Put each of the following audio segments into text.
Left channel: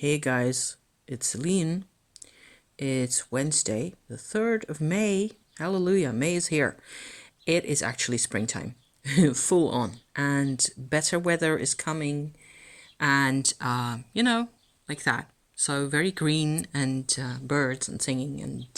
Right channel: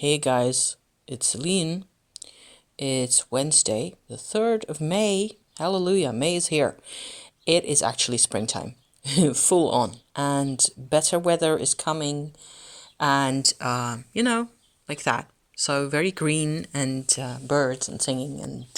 Hey guys, it's Celine. It's Wednesday, the 3rd of May. Hallelujah, May is here. It is actually springtime, full on, and better weather is coming, and like that. So very green and birds and singing, and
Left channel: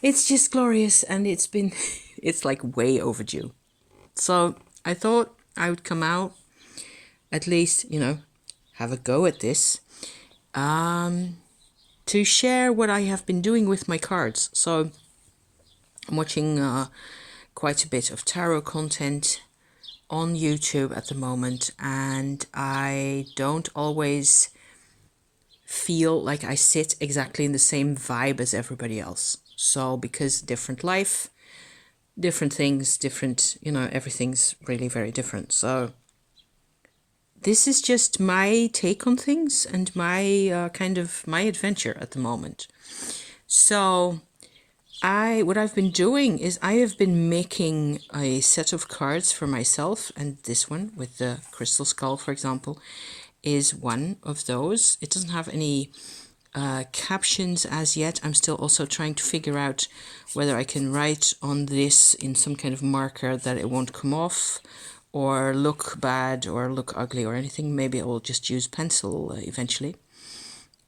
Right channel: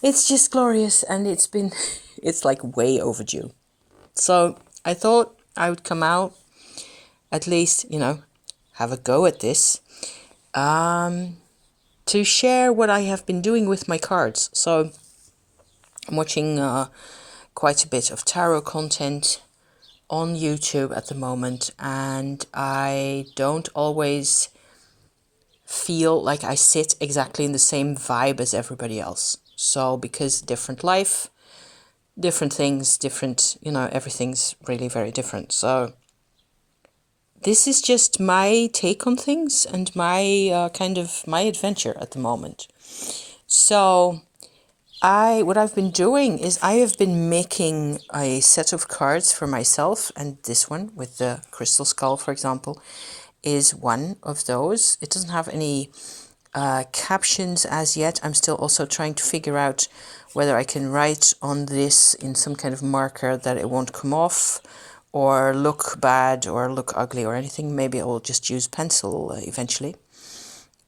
it's just glorious, and it's like way overdue. So I thought I would come out, at least, have a go at this. To share what I have been doing with my cards. So I'm watching quite a bit of tarot content on YouTube at the moment, and I don't always feel like I sit exactly in the same vibe as everybody else. So because different life, different things, different, everything's really very different. So this is just my take on things and my my adventure at the moment. So what I've been doing is I have been making a set of cards for myself, and this one with the crystal skull, for example, is one of those. It doesn't have any captions as yet. I'm still also trying to figure out whether I can write on this in some kind of marker that it won't come off or look bad or look ugly or anything. Maybe I will just use pencil eventually.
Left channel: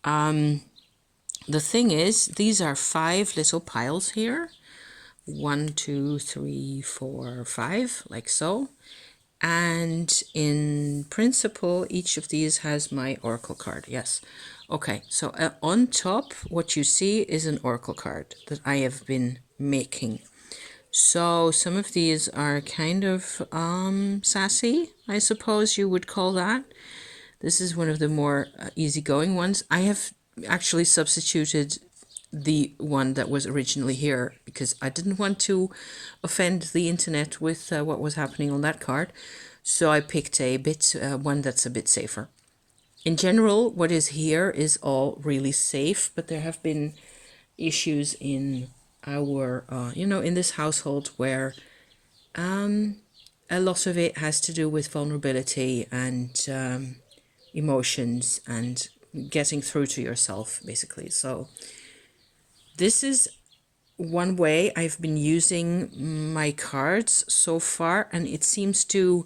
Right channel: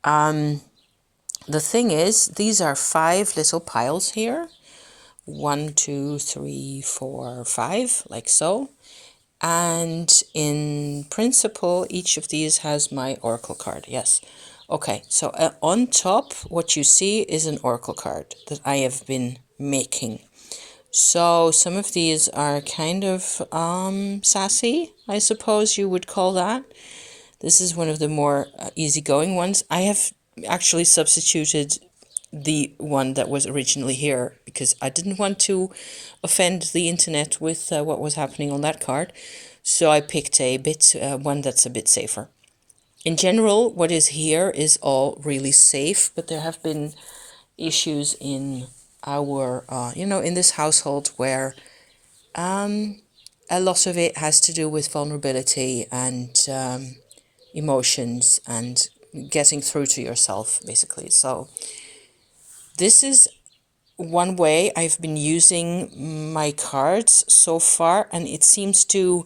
The thing is, these are 5 little piles here. 1, 2, 3, 4, 5, like so. And in principle, each of these has my oracle card. Yes. Okay, so on top, what you see is an oracle card that I have been making. So some of these are kind of sassy, I suppose you would call that. This is one of the more easygoing ones. I have actually substituted the one that was originally here because I didn't want to offend the internet with what was happening on that card. So I picked a bit one that's a bit safer. In general, what is here is all really safe, but there have been issues in our, in this household where a lot of it has to do with vulnerability and emotions and getting through to yourself, basically. So this is one way I've been using my cards so far, and it seems to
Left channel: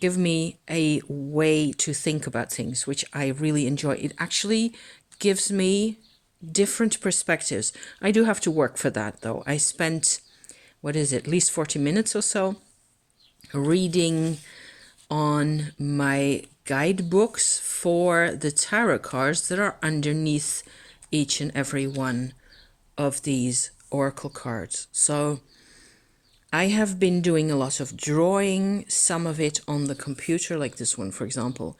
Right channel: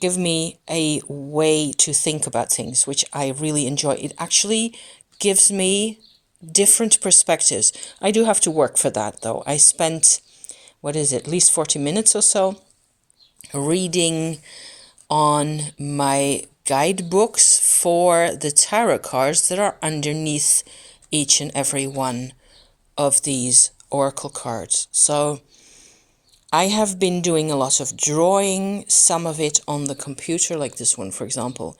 give me a way to think about things, which I really enjoy. It actually gives me different perspectives. I do have to work for that, though. I spent, at least 40 minutes or so reading on my guidebooks for the tarot cards that are underneath each and every one of these oracle cards. So I have been doing a lot of drawing, some of it on the computer, like this one, for example,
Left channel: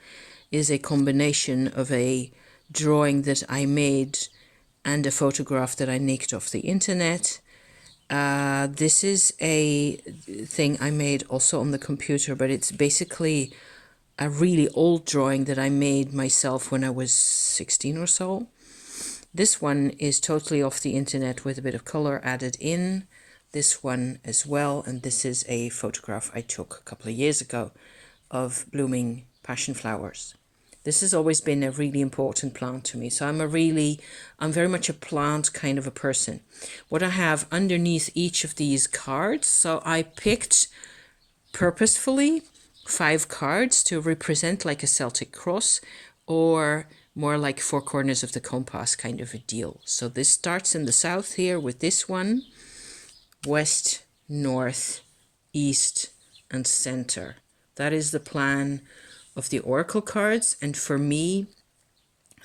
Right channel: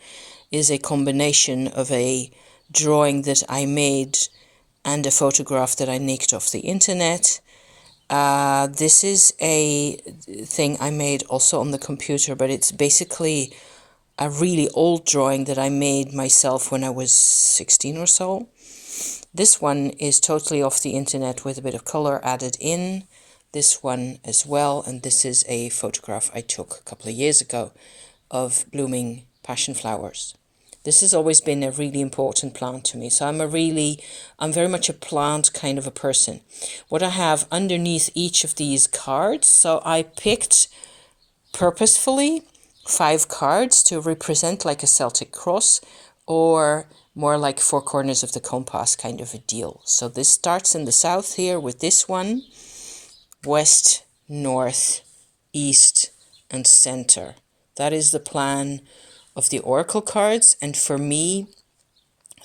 is a combination of a drawing that I made and a photograph that I nicked off the internet. This is a thing I made also on the computer, but it's basically a really old drawing that I made myself when I was 16 or so. This one is totally off the internet with a bit of color added in. This one as well, and this is a photograph I took a couple of years ago of blooming passion flowers. This has always been a really important plant to me. So I'm very much a plant kind of a person. What I have underneath each of these cards, so I picked purposefully 5 cards to represent like a Celtic cross or more like 4 corners of the compass kind of a deal. So this starts in the south here with this one, west, north, east, and center. That is the plan of the oracle cards, and for me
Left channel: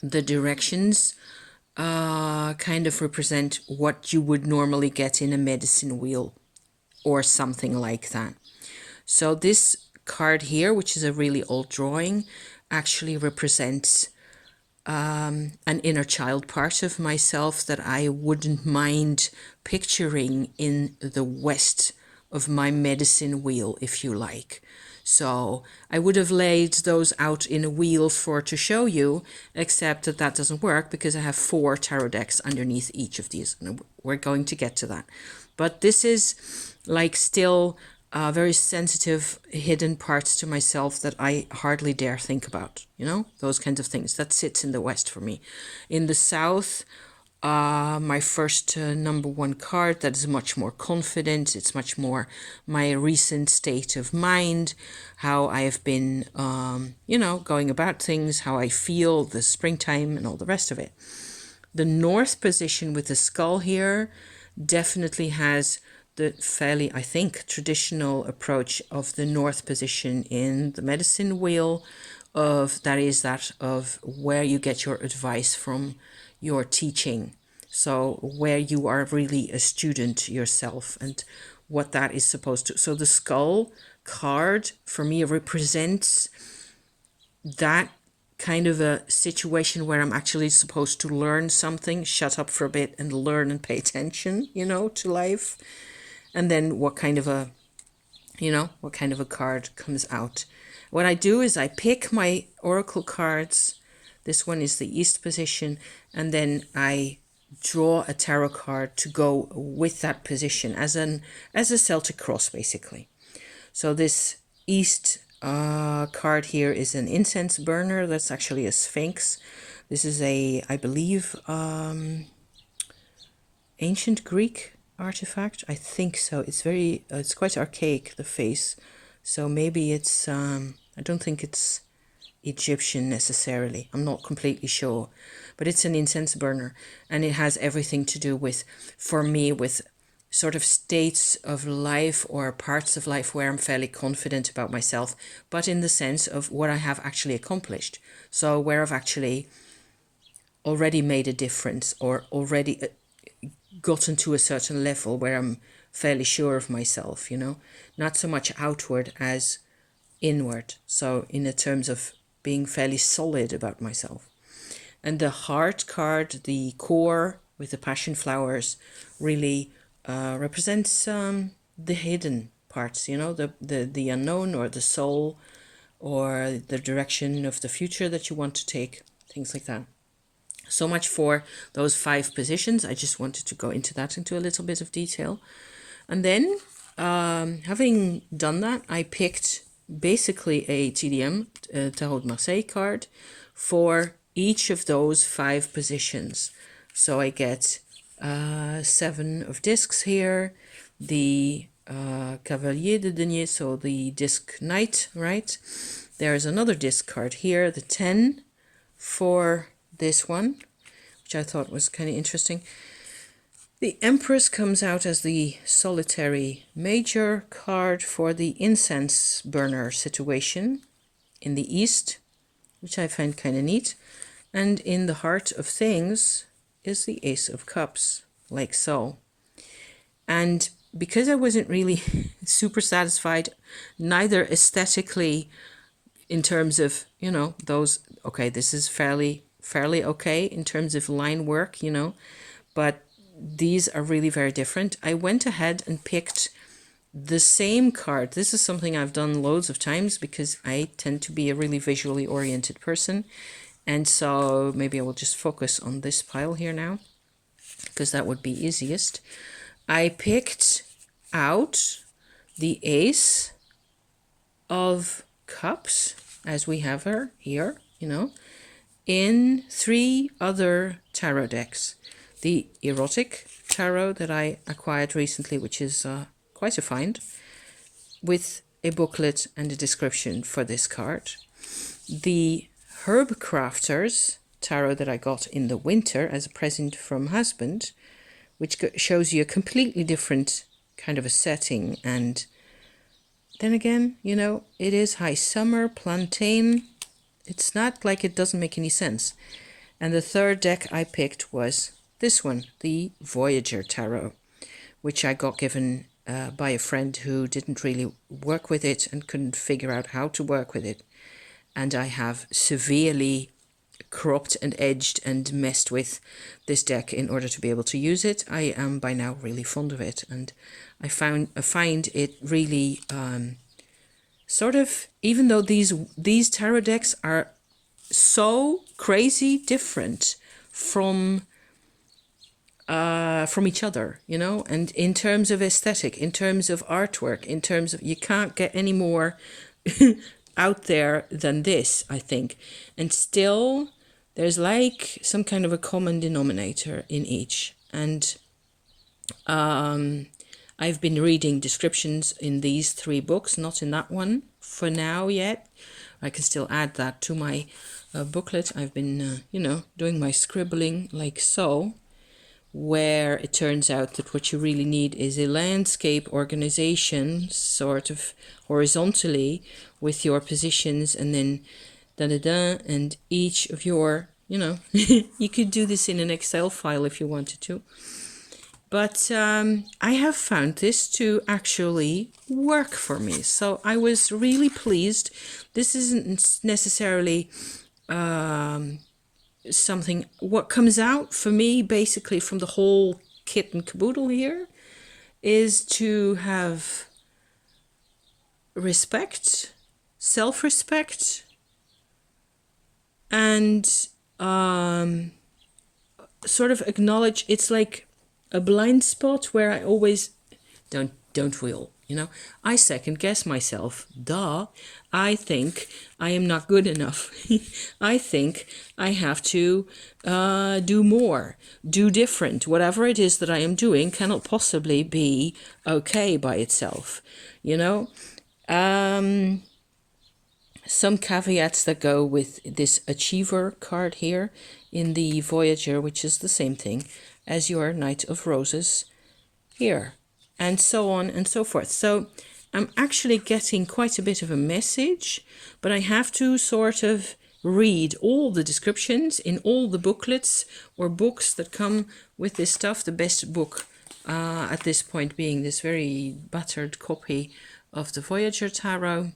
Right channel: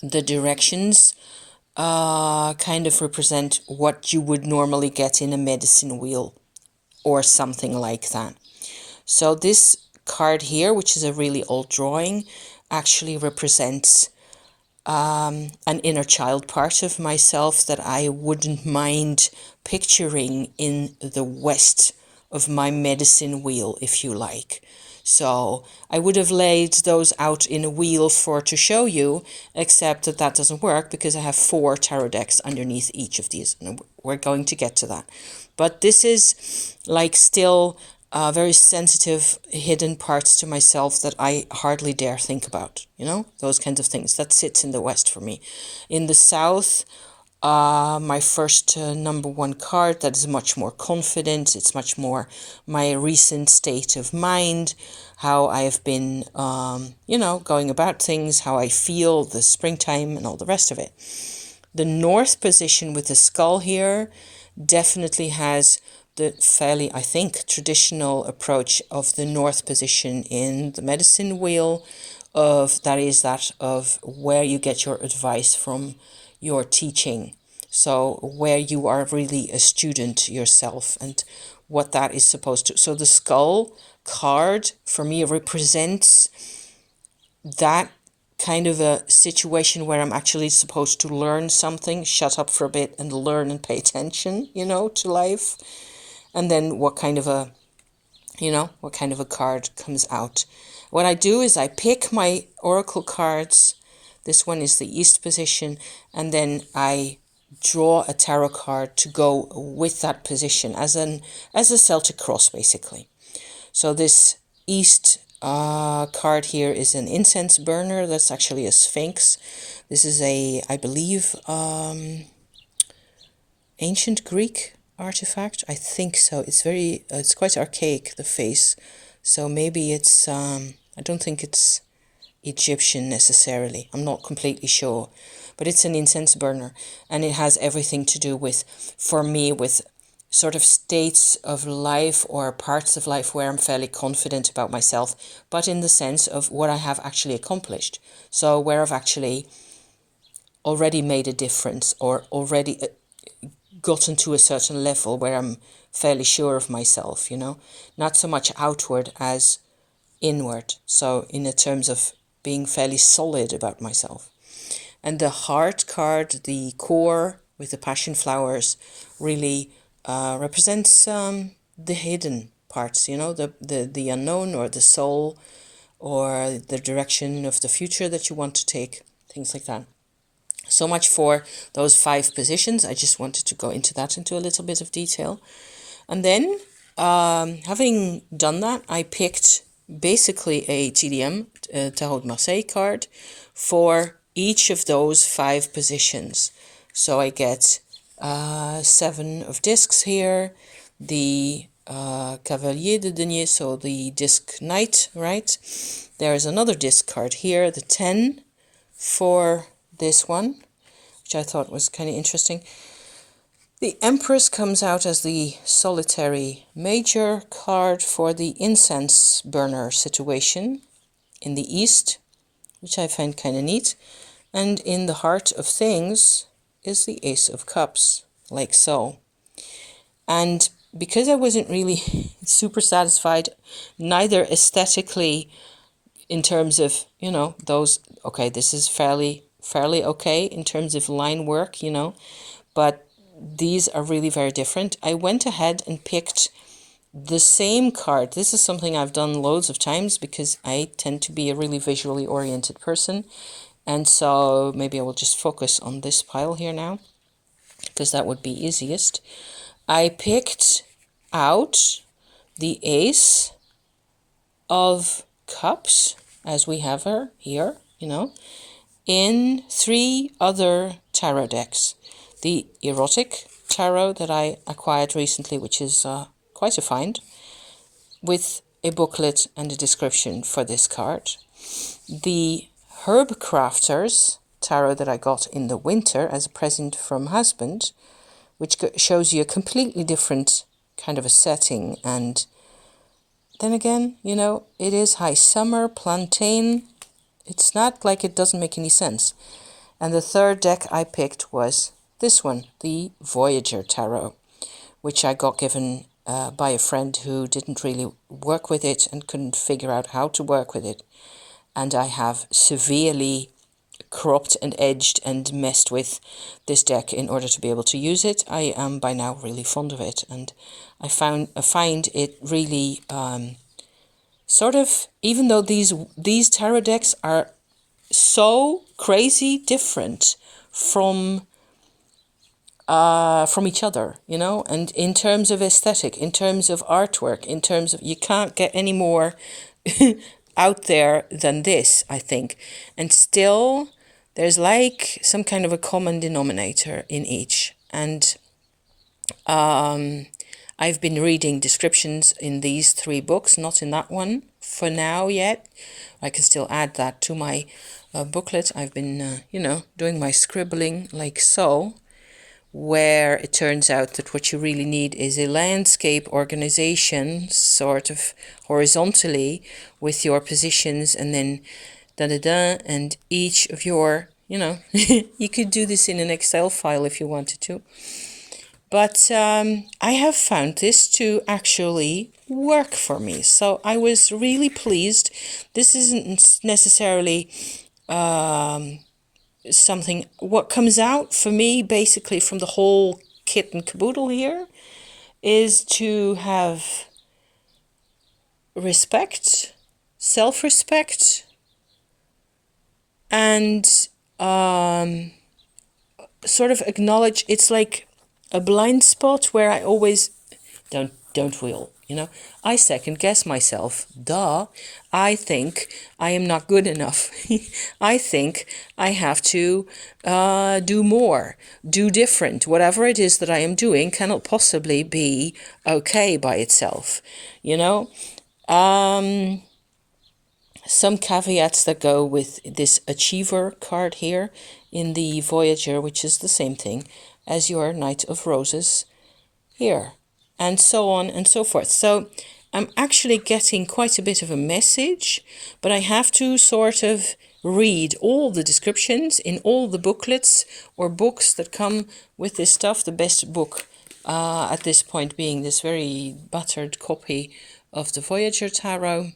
the directions kind of represent what you would normally get in a medicine wheel or something like that. So this card here, which is a really old drawing, actually represents an inner child part of myself that I wouldn't mind picturing in the west of my medicine wheel, if you like. So I would have laid those out in a wheel to show you, except that doesn't work because I have 4 tarot decks underneath each of these, and we're going to get to that. But this is like still very sensitive, hidden parts to myself that I hardly dare think about, those kinds of things. That sits in the West for me. In the South, my first number one card, that is much more confident. It's much more my recent state of mind, how I have been, going about things, how I feel, the springtime and all the rest of it. The North position with the skull here definitely has the fairly, I think, traditional approach of the North position in the medicine wheel, that of where you get your advice from your teaching. So where you are really a student yourself and what that is supposed to. So the skull card for me represents that kind of a situation where I'm actually supposed to learn something, shut up for a bit and learn and pay attention, to life. And then what kind of a card comes out. What I do is I pick my oracle cards. This one is the East position, and then I draw a tarot card to go with that position as a Celtic cross, basically. So this East card here is an incense burner. That's actually a sphinx. This is I believe, ancient Greek artifact. I think so. It's quite archaic, the face. So maybe it's, I don't think it's Egyptian necessarily. I'm not completely sure. But it's an incense burner, and it has everything to do with, for me, with sort of states of life or parts of life where I'm fairly confident about myself, but in the sense of what I have actually accomplished. So where I've actually already made a difference or already gotten to a certain level where I'm fairly sure of myself, not so much outward as inward. So in the terms of being fairly solid about myself. And the heart card, the core with the passion flowers, really represents the hidden parts, the unknown or the soul or the direction of the future that you want to take, things like that. So much for those 5 positions. I just wanted to go into a little bit of detail. And then, having done that, I picked basically a TDM, Tarot de Marseille card, for each of those 5 positions. So I get 7 of discs here, the Cavalier de Denier, so the disc knight, right? There's another disc card here, the 10 for this one, which I thought was kind of interesting. The Empress comes out as the solitary major card for the incense burner situation in the East, which I find kind of neat. And in the heart of things is the Ace of Cups, like so. And because I wasn't really super satisfied, neither aesthetically in terms of, those, okay, this is fairly okay in terms of line work, but these are really very different. I went ahead and picked the same card. This is something I've done loads of times because I tend to be a really visually oriented person. And so maybe I will just focus on this pile here now, because that would be easiest. I picked out the Ace of Cups, as we have her here, in 3 other tarot decks. The Erotic Tarot that I acquired recently, which is quite a find, with a booklet and a description for this card. The Herb Crafters Tarot that I got in the winter as a present from husband, which shows you a completely different kind of a setting. And then again, it is high summer, plantain. It's not like it doesn't make any sense. And the third deck I picked was this one, the Voyager Tarot, which I got given by a friend who didn't really work with it and couldn't figure out how to work with it. And I have severely cropped and edged and messed with this deck in order to be able to use it. I am by now really fond of it, and I find it really sort of, even though these tarot decks are so crazy different from from each other, you know, and in terms of aesthetic, in terms of artwork, in terms of, you can't get any more out there than this, I think. And still, there's like some kind of a common denominator in each. And I've been reading descriptions in these 3 books, not in that one for now yet. I can still add that to my booklet. I've been, doing my scribbling like so, where it turns out that what you really need is a landscape organization, sort of horizontally, with your positions, and then and each of your, you could do this in an Excel file if you wanted to. But I have found this to actually work for me. So I was really pleased. This isn't necessarily something, what comes out for me basically from the whole kit and caboodle here is to have respect, self-respect, and sort of acknowledge it's like a blind spot where I always don't will, I second guess myself. I think I am not good enough. I think I have to do more, do different. Whatever it is that I am doing cannot possibly be okay by itself, Some caveats that go with this Achiever card here in the Voyager, which is the same thing as your Knight of Roses here, and so on and so forth. So I'm actually getting quite a bit of a message, but I have to sort of read all the descriptions in all the booklets or books that come with this stuff. The best book at this point being this very battered copy of the Voyager Tarot,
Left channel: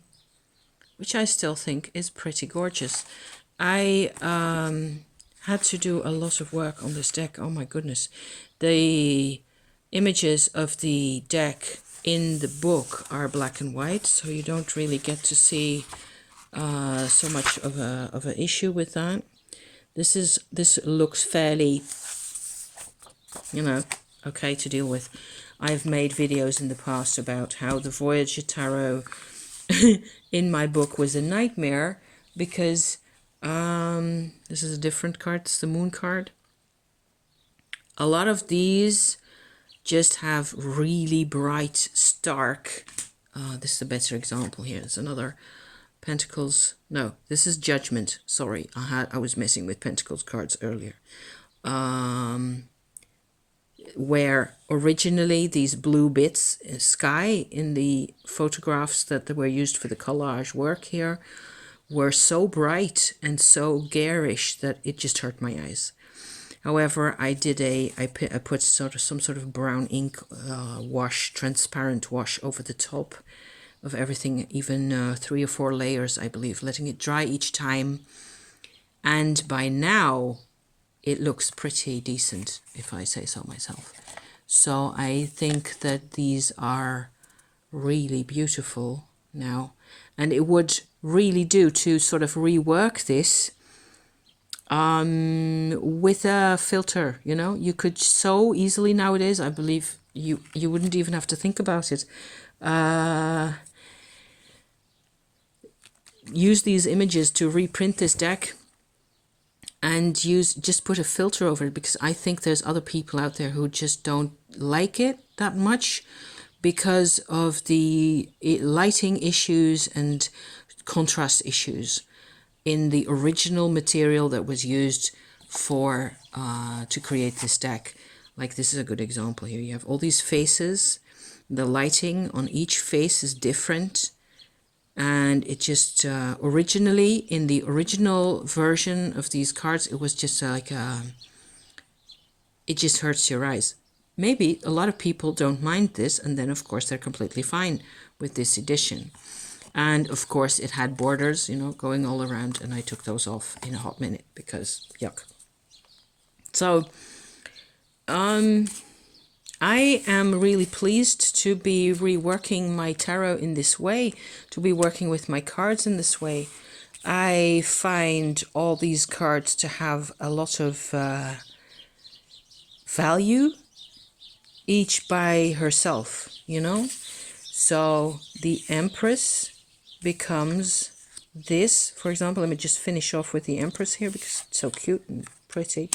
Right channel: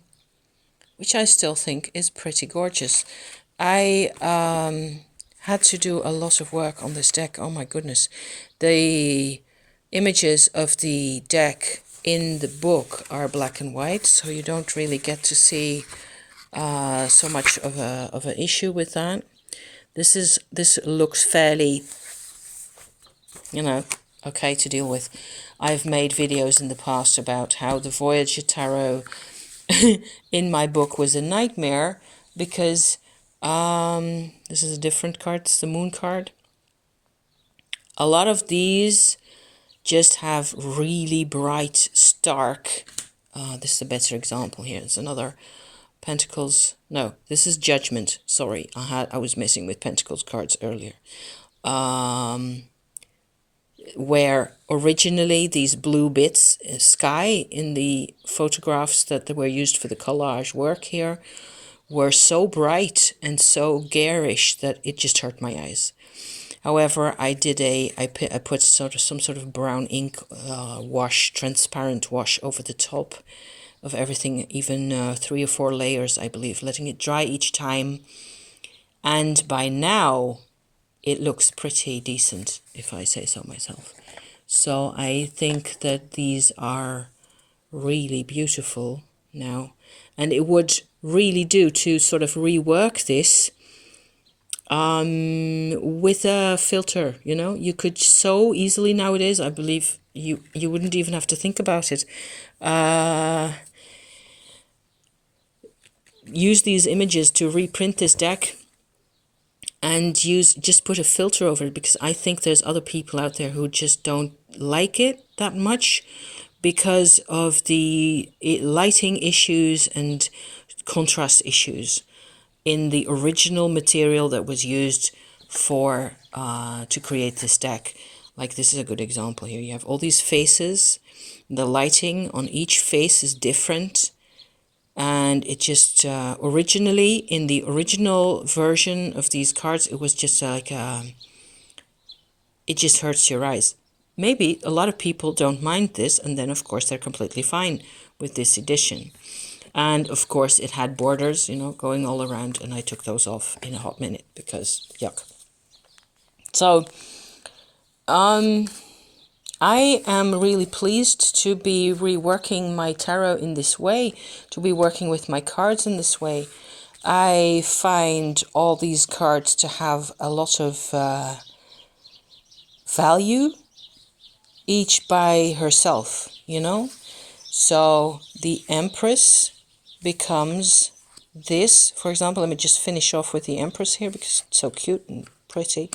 which I still think is pretty gorgeous. I had to do a lot of work on this deck. Oh my goodness. The images of the deck in the book are black and white, so you don't really get to see so much of an issue with that. This looks fairly, okay to deal with. I've made videos in the past about how the Voyager Tarot in my book was a nightmare because this is a different card. It's the Moon card. A lot of these just have really bright, stark. This is a better example here. It's another Pentacles. No, this is Judgment. Sorry, I was messing with Pentacles cards earlier. Where originally these blue bits, sky, in the photographs that were used for the collage work here, were so bright and so garish that it just hurt my eyes. However, I put some sort of brown ink wash, transparent wash over the top of everything, even 3 or 4 layers, I believe, letting it dry each time. And by now, it looks pretty decent, if I say so myself. So I think that these are really beautiful now. And it would really do to sort of rework this with a filter, You could so easily nowadays, I believe, you wouldn't even have to think about it. Use these images to reprint this deck and just put a filter over it, because I think there's other people out there who just don't like it that much because of the lighting issues and contrast issues in the original material that was used for to create this deck. Like, this is a good example here. You have all these faces. The lighting on each face is different. And it just, originally, in the original version of these cards, it was just like, it just hurts your eyes. Maybe a lot of people don't mind this, and then, of course, they're completely fine with this edition. And, of course, it had borders, going all around, and I took those off in a hot minute because, yuck. So, I am really pleased to be reworking my tarot in this way, to be working with my cards in this way. I find all these cards to have a lot of value each by herself, you know? So the Empress becomes this, for example. Let me just finish off with the Empress here because it's so cute and pretty.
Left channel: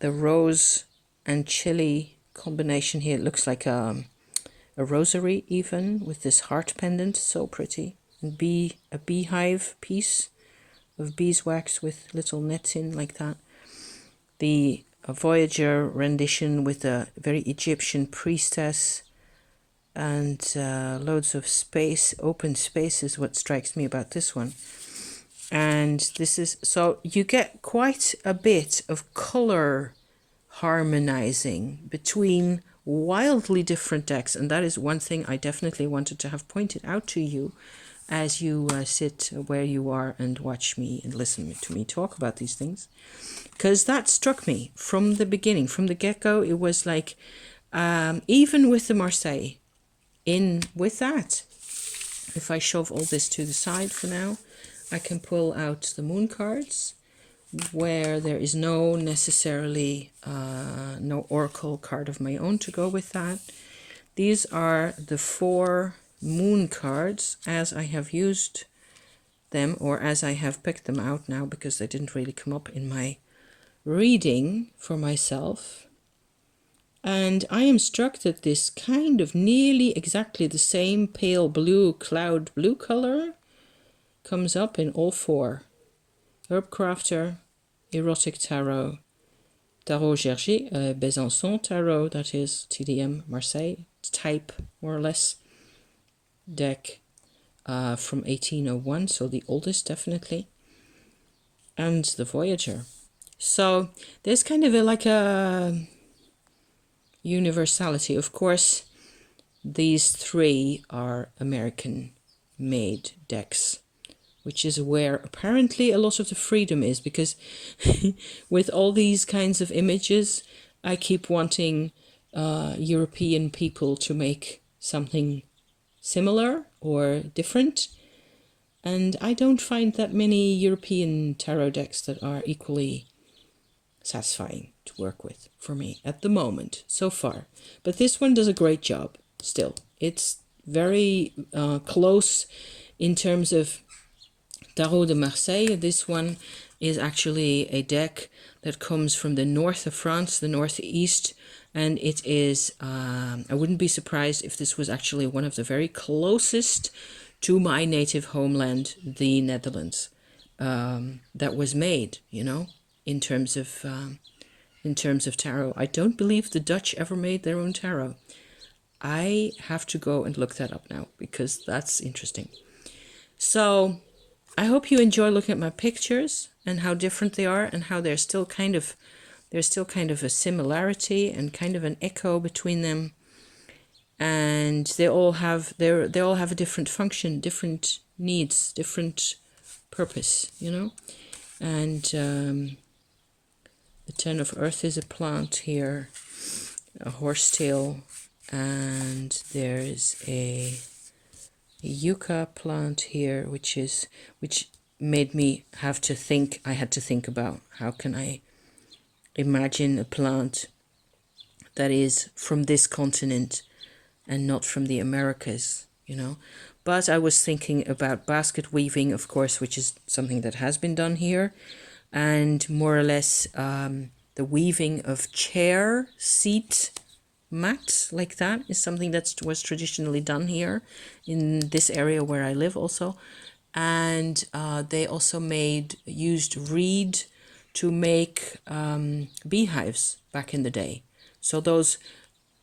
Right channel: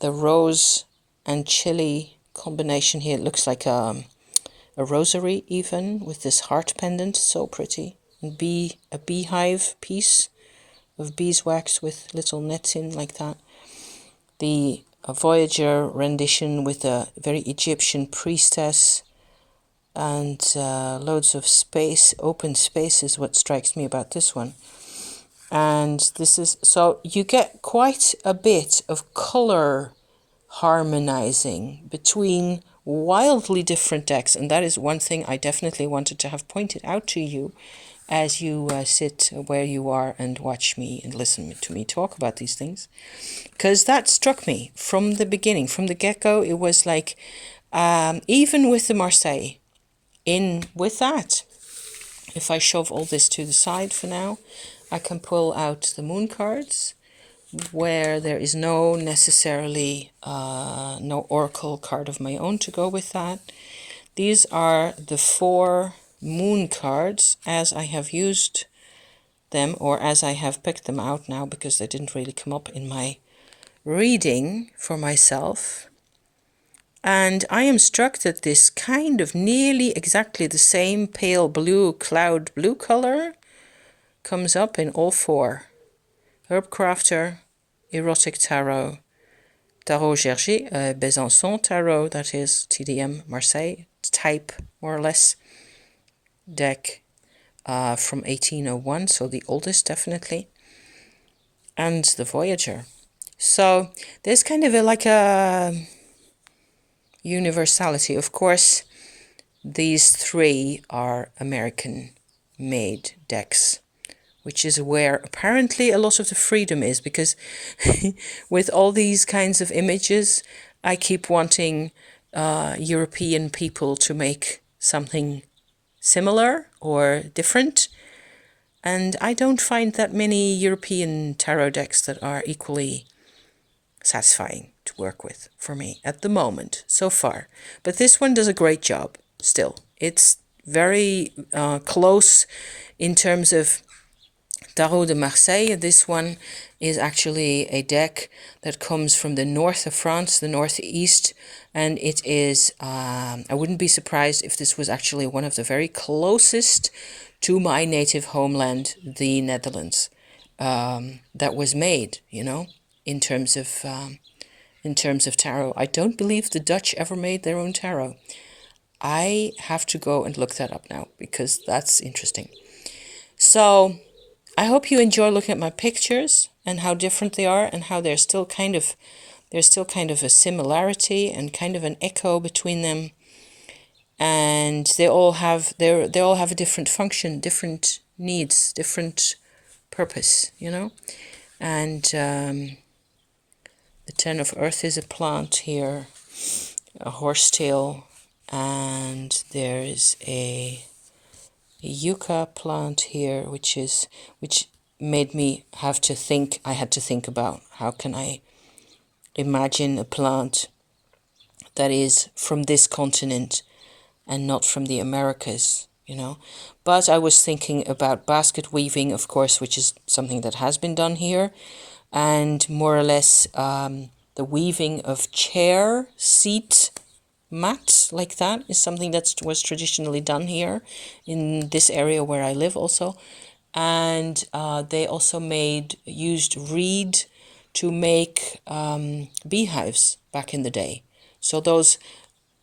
The rose and chili combination here, it looks like a rosary even, with this heart pendant, so pretty. And a beehive piece of beeswax with little nets in like that. The Voyager rendition with a very Egyptian priestess, and loads of space, open space is what strikes me about this one. And this is, so you get quite a bit of color harmonizing between wildly different decks, and that is one thing I definitely wanted to have pointed out to you as you sit where you are and watch me and listen to me talk about these things, because that struck me from the beginning, from the get-go. It was like, even with the Marseille, in with that, if I shove all this to the side for now, I can pull out the moon cards, where there is no necessarily no oracle card of my own to go with that. These are the 4 moon cards as I have used them, or as I have picked them out now, because they didn't really come up in my reading for myself. And I am struck that this kind of nearly exactly the same pale blue, cloud blue color comes up in all 4. Herb Crafter, Erotic Tarot, Tarot Gerger, Besançon Tarot, that is TDM Marseille type, more or less, deck from 1801, so the oldest definitely, and the Voyager. So there's kind of like a universality. Of course, these 3 are American-made decks, which is where apparently a lot of the freedom is, because with all these kinds of images, I keep wanting European people to make something similar or different. And I don't find that many European tarot decks that are equally satisfying to work with for me at the moment, so far. But this one does a great job still. It's very close in terms of Tarot de Marseille. This one is actually a deck that comes from the north of France, the northeast, and it is, I wouldn't be surprised if this was actually one of the very closest to my native homeland, the Netherlands, that was made, you know, in terms of tarot. I don't believe the Dutch ever made their own tarot. I have to go and look that up now, because that's interesting. So I hope you enjoy looking at my pictures and how different they are, and how there's still kind of a similarity and kind of an echo between them. And they all have a different function, different needs, different purpose, you know. And the 10 of Earth is a plant here, a horsetail, and there's a yucca plant here, which made me have to think. I had to think about how can I imagine a plant that is from this continent and not from the Americas, you know. But I was thinking about basket weaving, of course, which is something that has been done here, and more or less the weaving of chair seat mat like that is something that was traditionally done here in this area where I live also. And they also used reed to make beehives back in the day. So those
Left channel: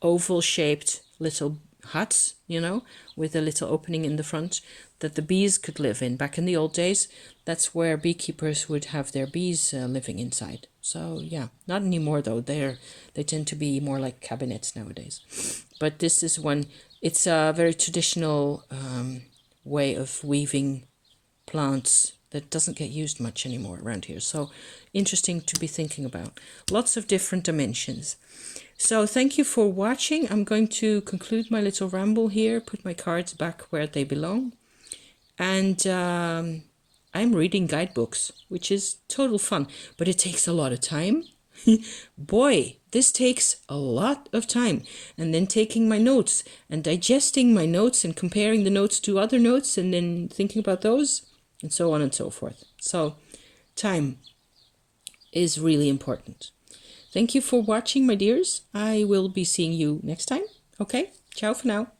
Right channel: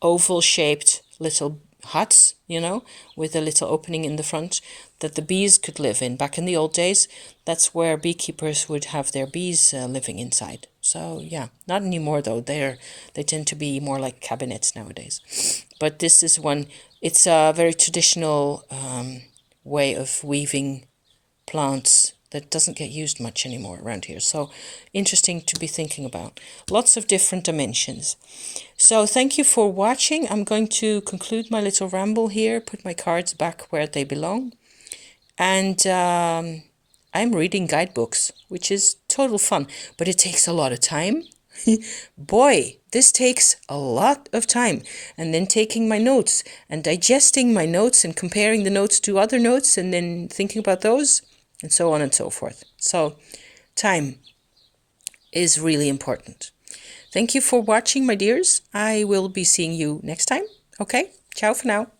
oval shaped little huts, you know, with a little opening in the front that the bees could live in. Back in the old days, that's where beekeepers would have their bees living inside. So yeah, not anymore though. They tend to be more like cabinets nowadays. But this is one. It's a very traditional way of weaving plants that doesn't get used much anymore around here. So interesting to be thinking about. Lots of different dimensions. So thank you for watching. I'm going to conclude my little ramble here, put my cards back where they belong. And I'm reading guidebooks, which is total fun, but it takes a lot of time. Boy, this takes a lot of time. And then taking my notes and digesting my notes and comparing the notes to other notes and then thinking about those and so on and so forth. So time is really important. Thank you for watching, my dears. I will be seeing you next time. Okay, ciao for now.